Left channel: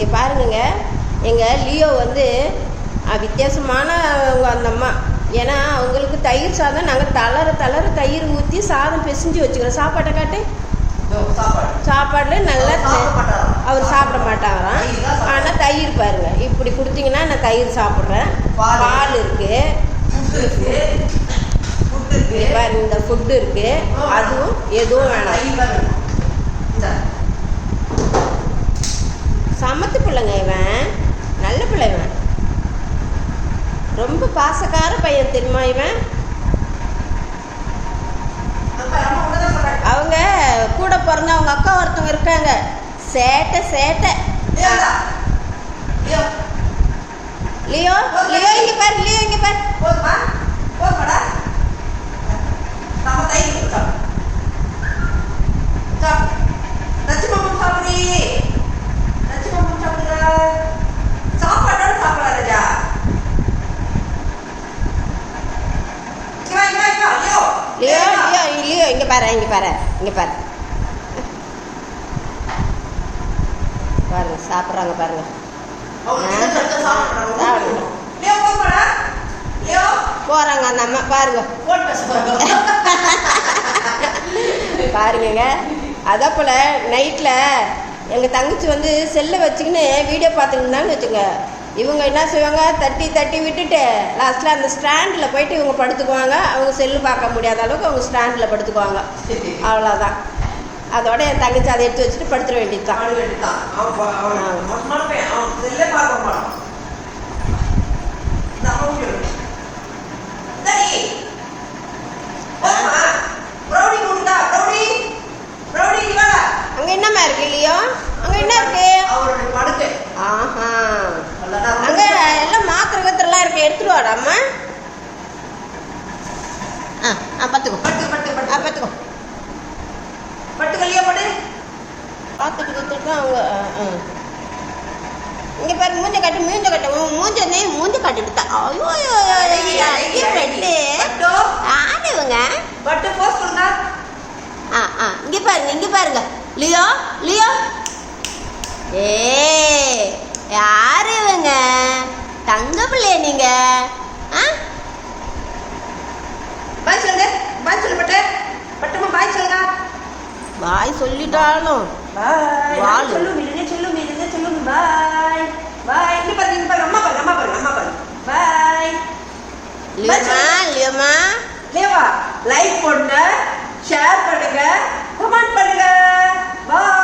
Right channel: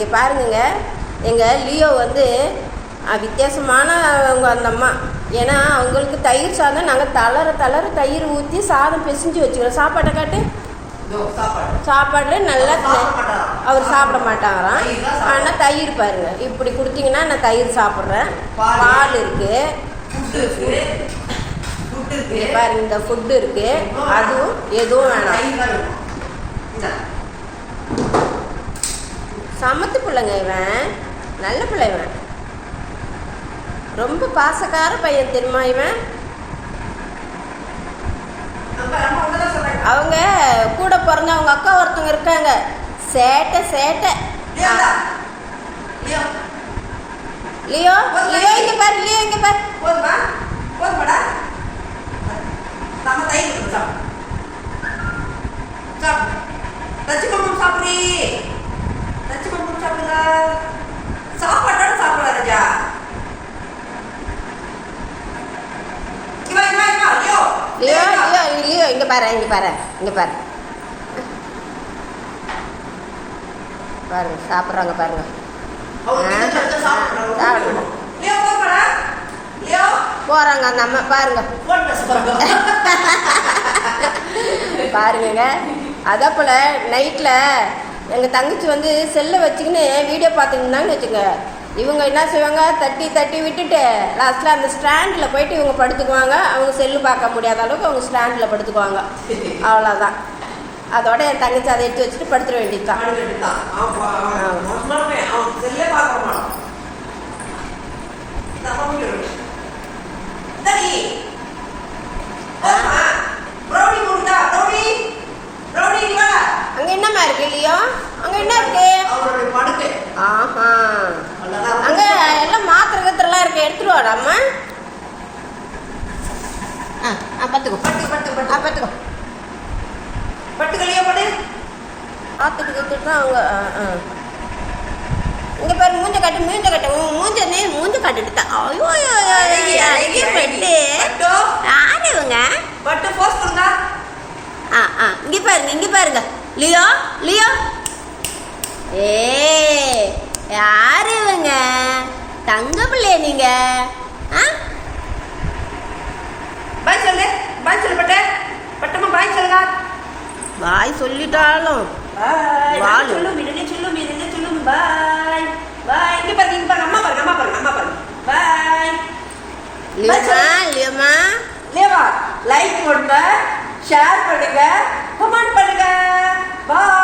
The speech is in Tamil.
இங்கே பாருங்கங்க, எங்கள் லியோ வந்து வித்தியாசமானவங்க அந்த அம்மா. ஏன்னா அவங்களுக்கு தயிர் சாதம் நாங்கள் தளர தயிர் ஊற்றி சாதம் பிசைஞ்சு வச்சுக்கிறோம். சாப்பாட்டை காட்டு. சாப்பாடில் நல்லா அவர் சாப்பிட மாட்டாங்களாம். ஆனால் தயிர் பாருங்க, இப்படி கொடுத்தீங்கன்னா நான் தயிர் சாப்பிட்றேன். பால் இருக்குது பாருங்க, இந்த ஃபுட்டு இருக்குது. அதுவும் எதுவும் வேணாம். சமத்து பிள்ளைங்க இவன், நல்ல பிள்ளை இவன், ரொம்ப பாசக்கார பையன் தெரியுமா இவன். அவங்க கூட பிறந்த அவங்க அக்கா ஒருத்தவங்க இருக்காங்க, சேட்டை. லியோ லியோ இங்க பாரு, லியோ இங்க பாரு. சாப்பாட்டோட சாப்பிடலாம் ராஜா. லியோ லியோ லியோ இங்க பாரு, பாருங்க சாப்பிட்றாங்க பாருங்க. போறாங்க அந்த அம்மா பாருங்க. பாருங்க, அதே போல் நைட்டில் எங்கள் தங்கச்சி வந்து செல்லை வச்சுக்கின்னு வீடியோ பார்த்துக்கிட்டான்னு வச்சுங்க, இவங்க என்ன செய்வாங்க, தட்டி விட்டுட்டு லாஸ்ட்டில் அந்த ஸ்டாண்டில் போயிட்டு இவங்க படுத்துக்குவாங்க. அவங்க செல்லு பார்க்க முடியாத அளவுக்கு அவங்க ஸ்டாண்டில் படுத்துக்குவாங்க. அவ்வளோதான். அதோட என் தங்கச்சி அதை எடுத்து வச்சுட்டு படுத்துட வேண்டியதுதான். அங்க என்னமா இருக்கு இல்லையோ? அங்க என்ன இருக்கு? ஆஹா, அங்க எல்லாம் மாத்திரை கத்திரலாம் இருக்கு, எடுத்துட்டு வாடாம்மா. பார்த்துக்கோ பார்த்துட்டு கத்துட்டு தான் அவங்க. இங்க பாரு, மூஞ்ச கட்டு மூஞ்ச காட்டுட்டு தான். ஐயோ பெட்டு ஆடுவங்க. இங்க பாருங்க லியோ யாரு இவங்க? தங்க பிள்ளைய நீங்க? பாய் சொல்லு பாய் சொல்லிட்டாலும் வாழு. பாய். இங்க பாருங்க, அம்மா பாருங்க. பாய். லியோமா லைக் பண்ணுங்க, ஷேர் பண்ணுங்க, கமெண்ட் பண்ணுங்க. பாய்.